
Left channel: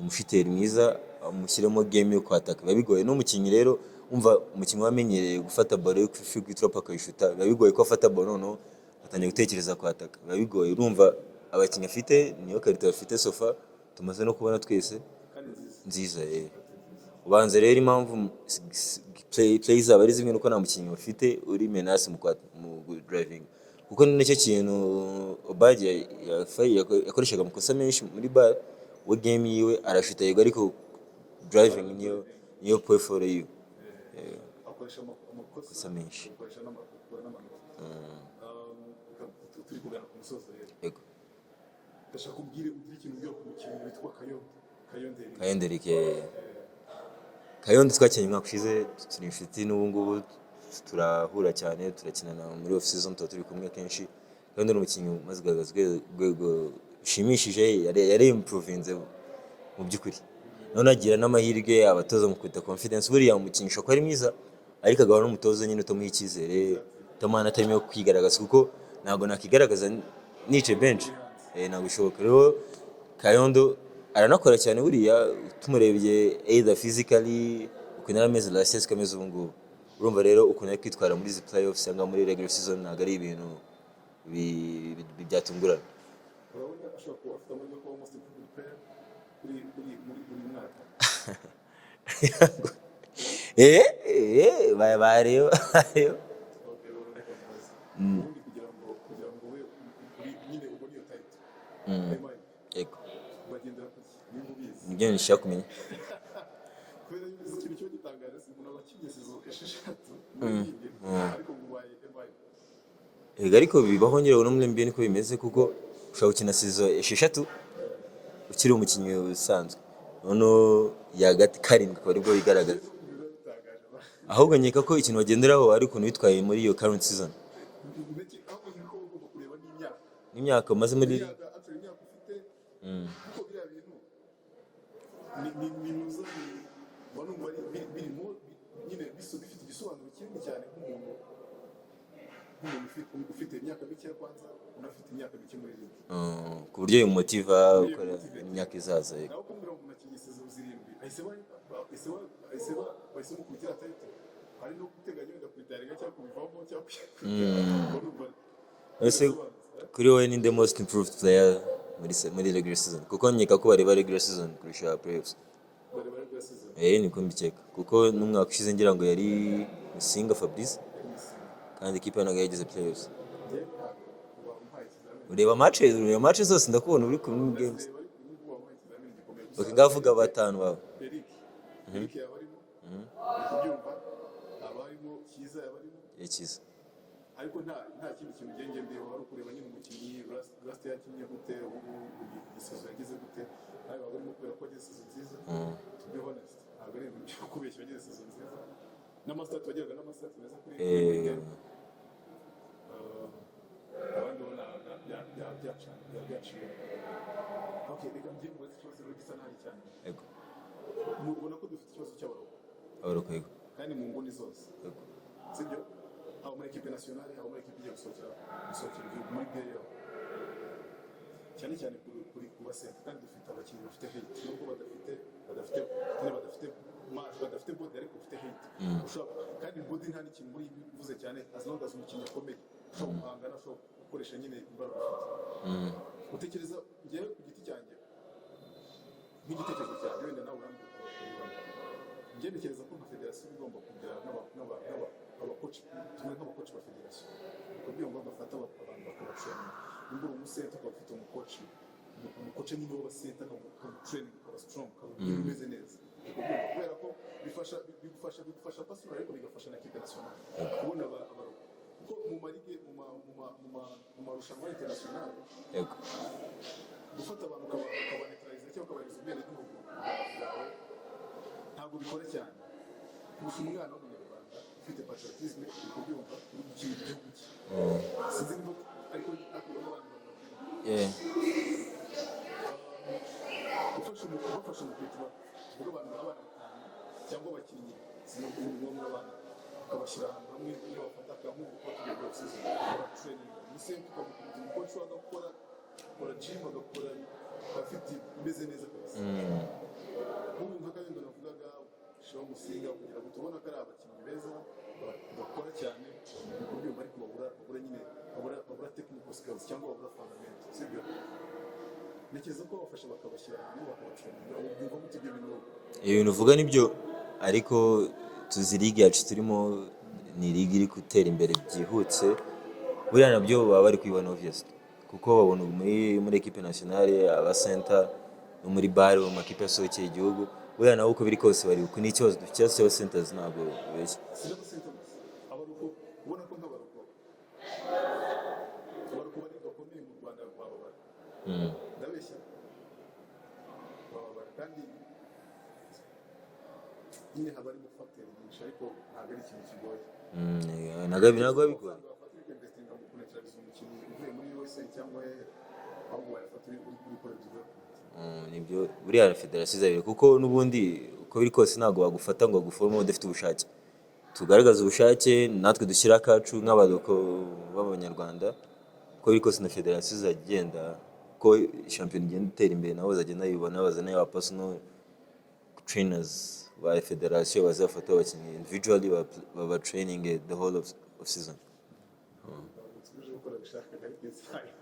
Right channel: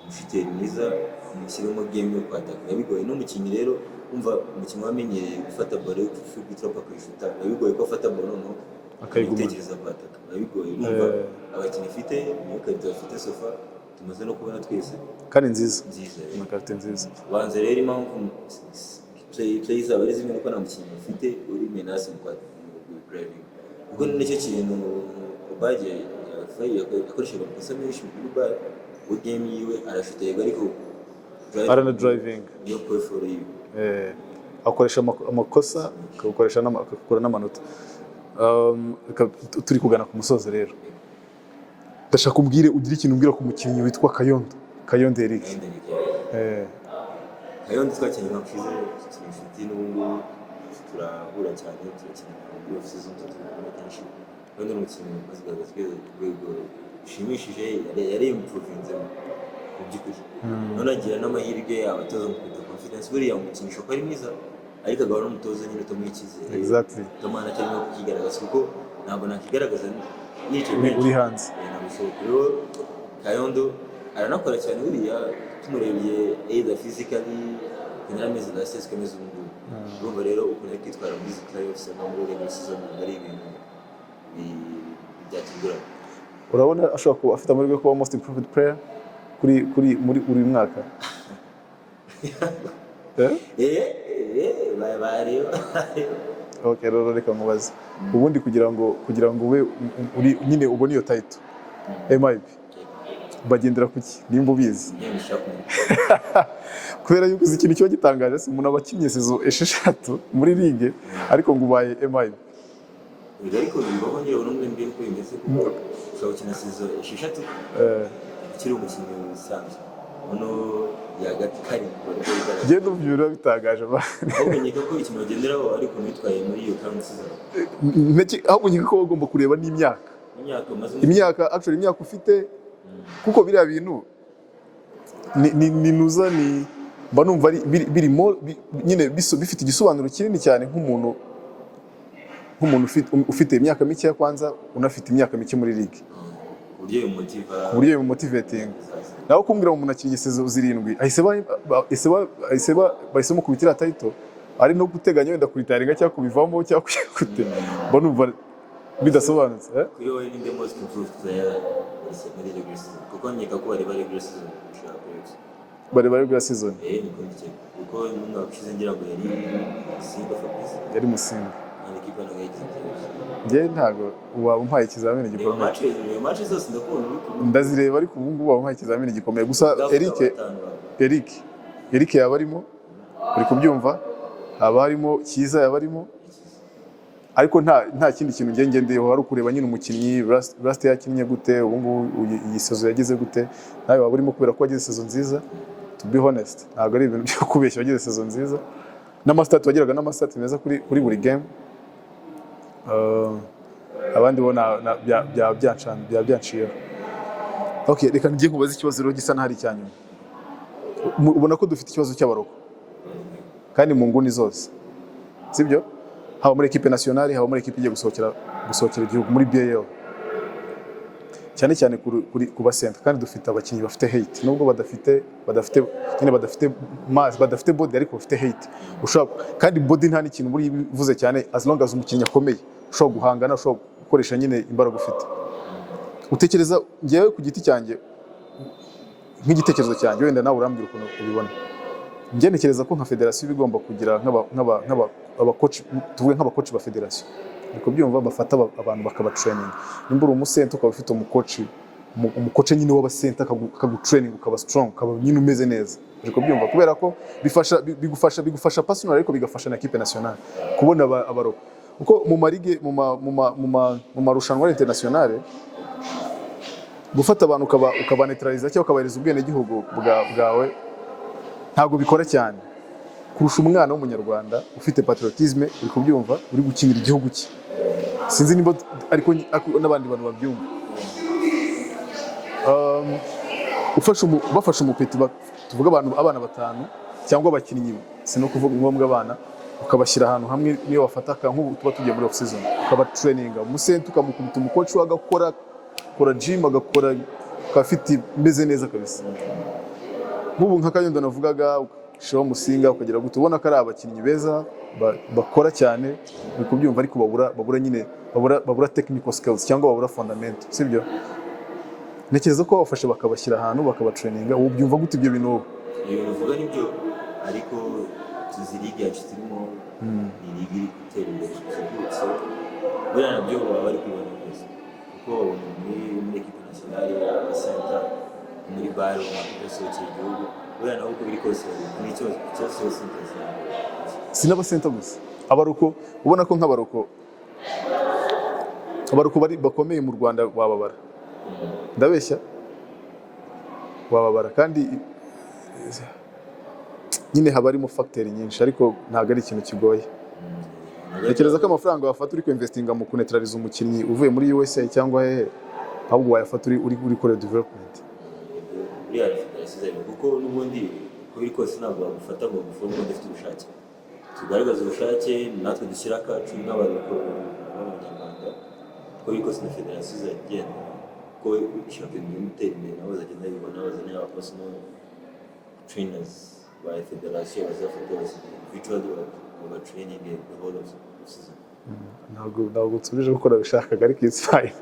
umushiteri mwiza amushyiremo game yo kwataka bigoye n'umukinnyi rero umva umukinnyi wamenyereye gufata ball yo kuri trop akayishuta bigoye ko afata ball noneho akayitekereza kwataka bigoye urumva abakinnyi afite niyo karita bafite sofa tumaze no kubona twese kandi nziza karita nziza banze rero impamvu play zaba ari zimwe nuko nta mukinnyi bafite uri menace mu driving kuko nicyo kintu Obadje yakoreshaga mu kosa menshi muri bar we game yiwe arashuta yego ariko driving yo kwefora yiwe akoresha amakosa akakoresha akakora n'amanota turi kugana ku musozo rero ndashaka umbwire ugira ikintu umbwira ku mukinnyi witwa Kayondo Eric Kayondo twakinnye umwaka ushize turi inshuti n'ubu ngubu turahura cyane turakinana muri off season turi kumwe kenshi Kayondo ni umukinnyi umaze kugaragaza urwego rushimishije yari improvinze mu by'ukuri none agira n'amahirwe abatoza mu kwita confidence buriya umukinisha ko ari mwiza ariko agahora n'umutoza nyine utamuha icyizere tamana atarimo kwigaragaza kuko ntabwo nakigaragaza nice bench uri hanze ntabwo bishoboka rero Kayondo aranakora cyane buriya tumurebye either physically kuna ameze la sense kameze ubungu urumva rero ukuntu ari kwitwara muri playoffs cyangwa muri regular season ntabwo ari ibintu byatungura urabona ashobora kuba afite amahirwe yo kuba most improved player muri uri mwaka bareba okay rero reka mubaze ubundi kugira ngo ube nyine ubone iyo title MIP bagendera kuki nimba ubizi kubera yuko uzi ikintu cyo gitangaje se umuntu abakinnye sezo 6 muri ligue ariko ngo ubaye MIP ariko bibaho nyine no muri NBA niko bimeze kuko ushobora gukina sezo 6 ukiri umukinnyi usanzwe ono yagati karindwi bari ko bigaragara. Genda ubyura bitangaje ba. Ahubwo nkeka ko ikintu bagenderaho ari ukuntu bitwaye muri iyo current season. Ahubwo nkeka ko bagomba kureba n'imyaka. Imyaka maze muri imyaka actually imyaka ufite kuko biriya bintu ni nuza ni mba numva birimo nyine bifite igisobanuro kinini cyane nk'umuntu ufite imyaka mike ya kwanza unafite imyaka mike muri ligue. Uburyo uyu motivating naho kumbwira umuntu akinnye sezo zirindwi bahisemo kubitira title ari no guteganya wenda kuritaringa cyangwa kubivamo cyangwa kuyakute mba numva bidasobanutse. Kuri wowe ni the most improved player muri regular season kuko nkeka ko bari regular season kurusha playoffs. Bari regular season niko mbikeka kuko n'umwaka ushize ngira ngo yari Musinga Fabrice yari Musinga kandi ikipe nayo yagize playoffs. Nge ntago waba umpaye ikizamini gikomeye. Reba match zose ndakubona uri kumwe ndazireba ariko ubu ngubu waba umpaye ikizamini gikomeye gusa Eric yaba arimo uri kubyumva haba harimo Cyiza yaba arimo ariko nta kindi kintu ngendeyeho hari ukureba nyine umukinnyi Rust yakinnye gute ubu ngubu iyi sezo yagize gute nawe waba urimo kubera ko wagize sezo nziza. To be honest ntabwo ari ibintu byo kubeshya wagize sezo nziza n'amastat wagiraga n'amastat meza kuri buri game. Abandi bona byanciyeho. Okay, reka ngiye kubaza ikibazo rero gisa n'ahari cyanyuma. Ubona ko dufite ikibazo cy'abaroko kandi mu nguni zose sibyo haba muri equipe nationale haba muri equipe igiye gusohokera igihugu muri BAL cyane cyane ku basenta kandi dufite abakinnyi bafite hate nubwo badafite mass badafite body ariko bafite hate ushobora kandi body nta n'ikintu muri bivuze cyane as long as umukinnyi akomeye ushobora guhangana ushobora gukoresha nyine imbaraga ufite. Utekereza ngewe ku giti cyanjye nk'igitekerezo cyanjye wenda nawe urambwira ukuntu ubibona. Njye ntekereza ko nka federasiyo bigomba kugira nk'abakoci tuvuge nk'abakoci ba federasiyo niko byumva bafata abantu bakabatraining nimba uri umusenta ukaba ufite umukoci nyine w'abasenta akagutraining ukaba strong ukaba nyine umeze neza niko byumva kubera ko bigufasha personal ariko bigafasha na equipe nationale kubona abaroko uko mu marige mu marushanwa internationale gufata abantu ukabanetraliza cyangwa ukabareza ubwene gihugu bwawe ntabwo bikora cyane kurusha umwana w'umunyarwanda ufite patriotisme uri kubyumva uri gukinira igihugu cye. Sinzi niba ariko n'abandi bantu babyumva. Bafasha umupeti tuvuga abana batanu cyangwa abakinnyi sino kuvuga ngombwa abana ukabashyira ahantu hamwe niyo wafataka nk'ubu tuba tugiye muri off season ukaba training umusenta ukamukubita umukoci wagakora gym agakora kafiti meze neza kabisa. Nk'ubu nka Kanyundo navugaga Show Musinga ukagira gute ubona ko ari abakinnyi beza bakora cyane uri kubyumva ariko babura nyine babura technical skills cyangwa babura fundament sibyo. Ntekereza ko bafashe bakabashyira ahantu bakabatraininga ubu byumva gute ibyo bintu uvuga nibyo ariko tuzi ligue yacu turimo ni ligue iri gutera imbere byihutse buriya nabyo baba bari kwibona obvious kuko babona muri equipe nationale abasenta muri bar mu makipe asohokeye igihugu buriya nabo uko biri kose bari ku n'ikibazo cy'abasenta sinabasenta gusa abaroko ubona ko nk'abaroko bari bakomeye mu Rwanda wababara ndabeshya wababara kandi nyine haba harimo factor nyinshi ariko ntabwo ari ikintu kigoye. Ntekereza ko amafaranga wafata uri kuinvestinga mu kunetraliza umukinnyi uvuye muri USA cyangwa hehe ahubwo wayafata uri kuri development. Buriya federasiyo zayo kuko n'ubundi uko biri kose ntabwo bagufata ngo baguforme badafite ubushake. Tugaragaza ubushake natwe dushyira akacu nk'abaroko b'abanyarwanda uko biri kose na federasiyo zagenda ko shampiyona igenda itera imbere nabo bazagenda yibona bazana aba personal trainers by federasiyo bazafata abakinnyi individually baba training the whole of season. Ntabwo tubije gukora bishakaga ariko it's fine.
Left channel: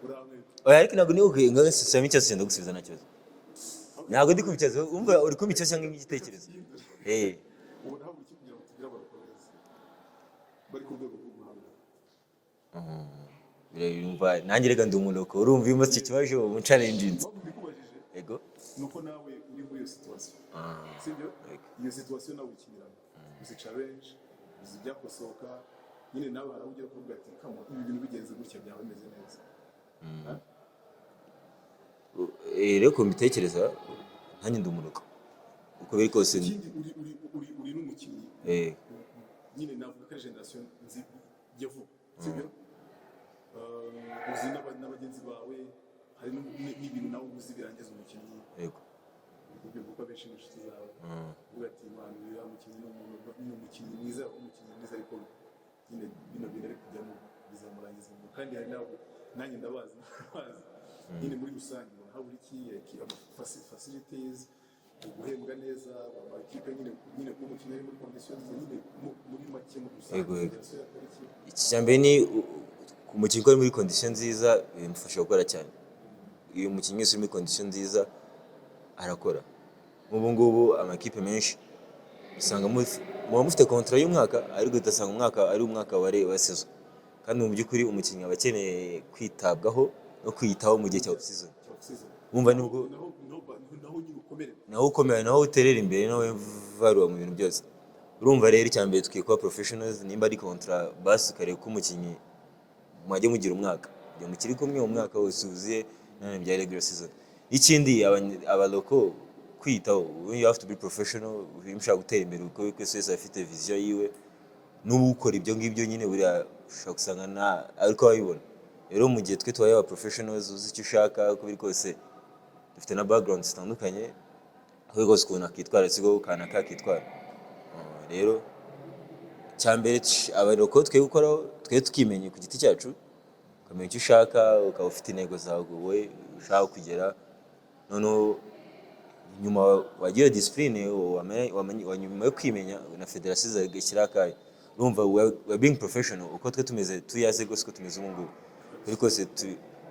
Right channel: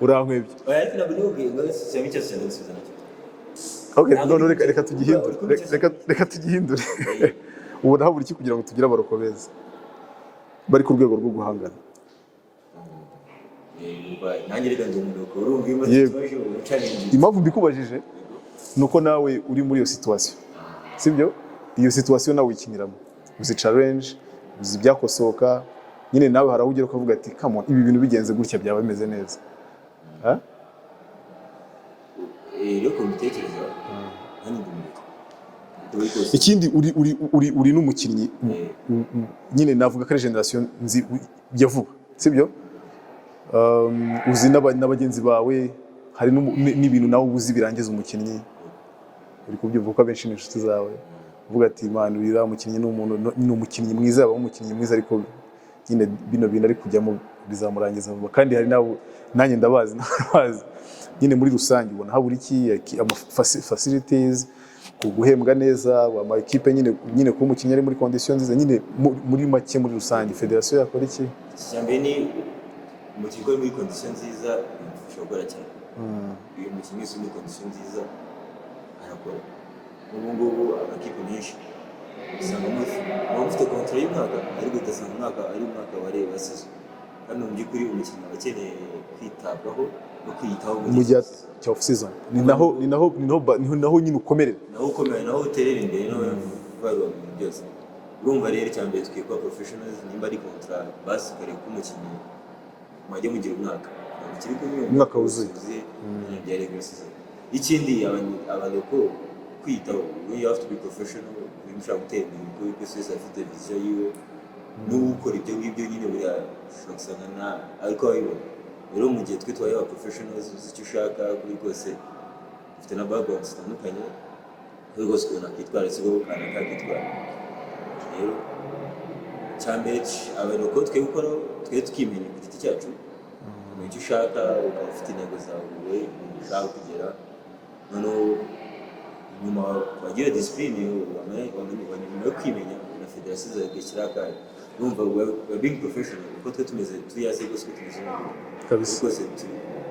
Urankwebye. Ariko ntabwo niho ngo sisemi cyose senda gusubiza nacyo. Okay, reka tugihindure. Ubu naho buri kugira ngo tugire abaroko beza bari ku rwego rwo guhangana. Nanjye reka ndi umunuko urumva iyo situation mu challenge. Impamvu mbikubajije nuko nawe uri muri iyo situation sibyo iyo situation nawe ikiniramo uzi challenge uzi byakosoka nyine nawe harawugira ukavuga ati come on ibi bintu bigenze gutya byaba bimeze neza rero ko mbitekereza nanjye ndumuruka uko biri kose. Ikindi uri n'umukinnyi nyine navuga ko ari generation nzi ya vuba sibyo, uzi n'abagenzi bawe hari n'ibintu nawe uzi birangiza umukinnyi, uri kubyumva ko abenshi ni inshuti zawe uvuga ati man uriya mukinnyi ni umukinnyi mwiza, yaba umukinnyi mwiza ariko nyine bino bintu ari kujyamo bizamurangiza vuba. Kandi hari nabo nanjye ndabazi nyine muri rusange ubona habura iki facilities, guhembwa neza, ama equipe nyine ko umukinnyi ari muri condition nziza, nyine muri make muri rusange federation yakora iki? Icyambere ni umukinnyi uri muri condition nziza bimufasha gukora cyane. Iyo umukinnyi uri muri condition nziza arakora. Ubu ngubu amakipe menshi usanga mufite contrat y'umwaka ariko utasanga umwaka ari umwaka wa season, kandi mu by'ukuri umukinnyi aba akeneye kwitabwaho no kwiyitaho mu gihe cya off season. Ni naho nyine ukomerera, naho uterera imbere, naho varuwa mu bintu byose. Urumva rero icyambere twikwa professionals, nimba ari contrat basi ukareba ko umukinnyi mwajya mugira umwaka mukiri kumwe umwaka wuzuye bya regular season. Ikindi abaloko kwitaho, you have to be professional, ushaka gutera imbere kuko wese afite vision yiwe n'ukora ibyo ngibyo nyine buriya ushaka gusanga ariko wabibona. Rero mu gihe twe twaye aba professionals uzi icyo ushaka kuri kose, dufite na background zitandukanye kuri kose ukuntu akitwara sigo kana kakitwara. Rero cyambere abaloko twe gukoraho twe tukimenya ku giti cyacu, kumenya icyo ushaka, ukaba ufite intego zawe wowe ushaka kugera, noneho nyuma wagira discipline nyuma yo kwimenya na federation zagashyira akayo. Numva we being professional uko twe tumeze tuyaze gose ko tumeze umuntu kabisa.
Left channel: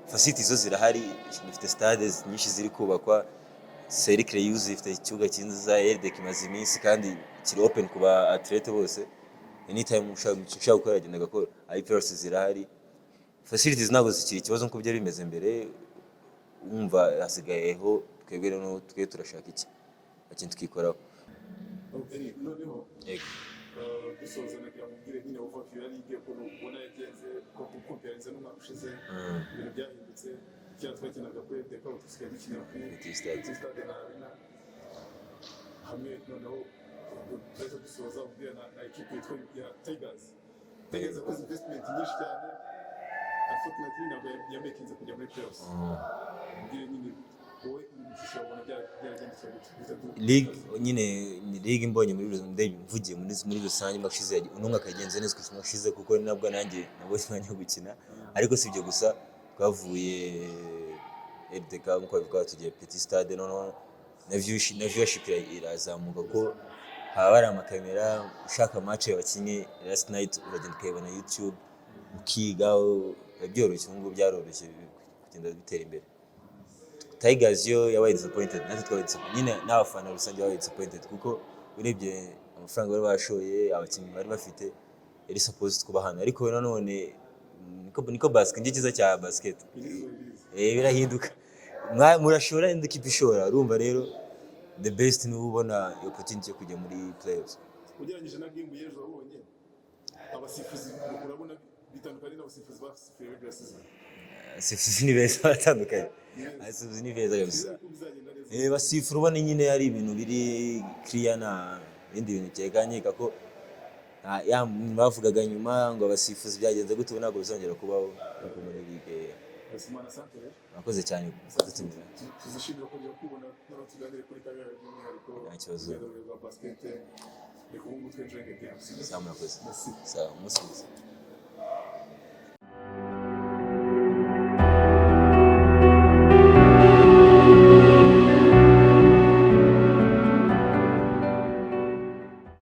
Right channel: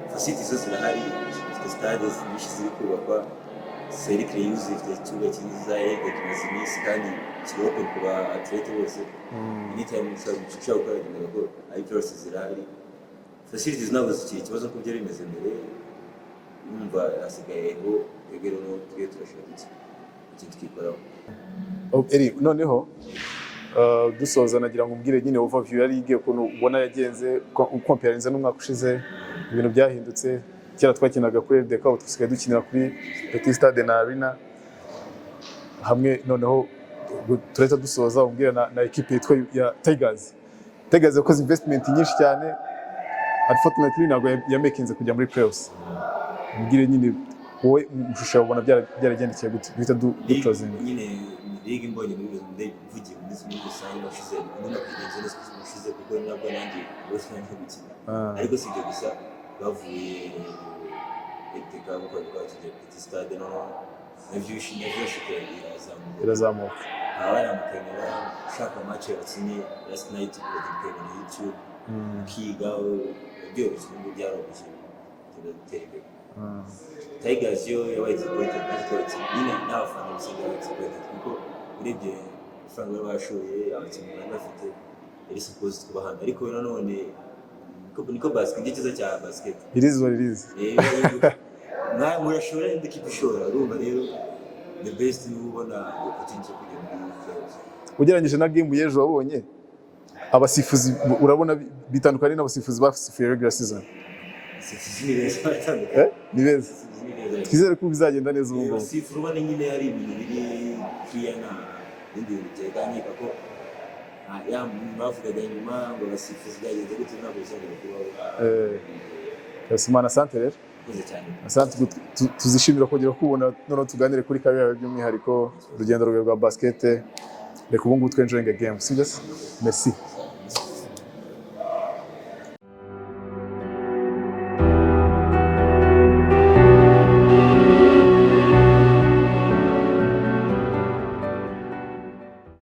Facilities zose zirahari, dufite stades nyinshi ziri kubakwa, cercle use ifite ikibuga cyiza kimaze iminsi kandi kiri open ku ba athlete bose. Anytime ushaka gukora agenda ko IPRS zirahari, facilities ntabwo zikiri ikibazo nko byari bimeze mbere. Numva hasigayeho twebwe no twe turashaka iki twikoraho. Eri noneho dusoza nagira ngo umbwire nyine overview yari igiye ukuntu ubona yagenze comparinze n'umwaka ushize, ibintu byahindutse. Kera twakinaga kuri LDK, ubu dusigaye dukinira kuri Petit Stade na Arena hamwe. Noneho turahita dusoza umbwira na equipe yitwa ya Tigers yakoze investment nyinshi cyane, unfortunately ntabwo yamekinze kujya muri playoffs. Umbwire nyine wowe ushusha ubona byaragendekeye gute bita dutoze nyine league mbonye muri mvugiye muri rusange bashize umuntu akagenza neza kushize kuko nabwo nanjye bose banye gukina, ariko sibyo gusa bavuye LDK kuko twagiye Petit Stade no navyo irazamuka. Hari amakamera ushaka match y'abakinnyi last night ukagenda na YouTube ukigaho, byoroshye ngo byaroroshye gutera imbere. Tigers yo yabaye disappointed kandi twatsi nyine n'abafana gusa yabaye disappointed kuko urebye amafaranga bari bashoye, abakinnyi bari bafite yari supposed kuba hano, ariko nanone niko basket cyiza cya basket birizo birahinduka. Murashora indi kipe ishora, urumva rero the best ni ubona opportunity yo kujya muri playoffs. Ugereranyije na game y'ejo wabonye abasifuzi urabona bitandukanye n'abasifuzi basifuye regular season. Ni beza batandukanye, ni beza. Twizere ko bizagenda neza ubu. Basifura ubona nyine ari ibintu biri clear na bindi biteganye ko bavugaga nyuma ngo abasifuzi byagenze gute ntabwo bizongera kubaho. Simana Sante rero akoze cyane. Asante tuzishimira kongera kubona none tuganire kuri career by'umwihariko urugendo rwa basket. Reka ubu ngubu twenjoying a game. Merci.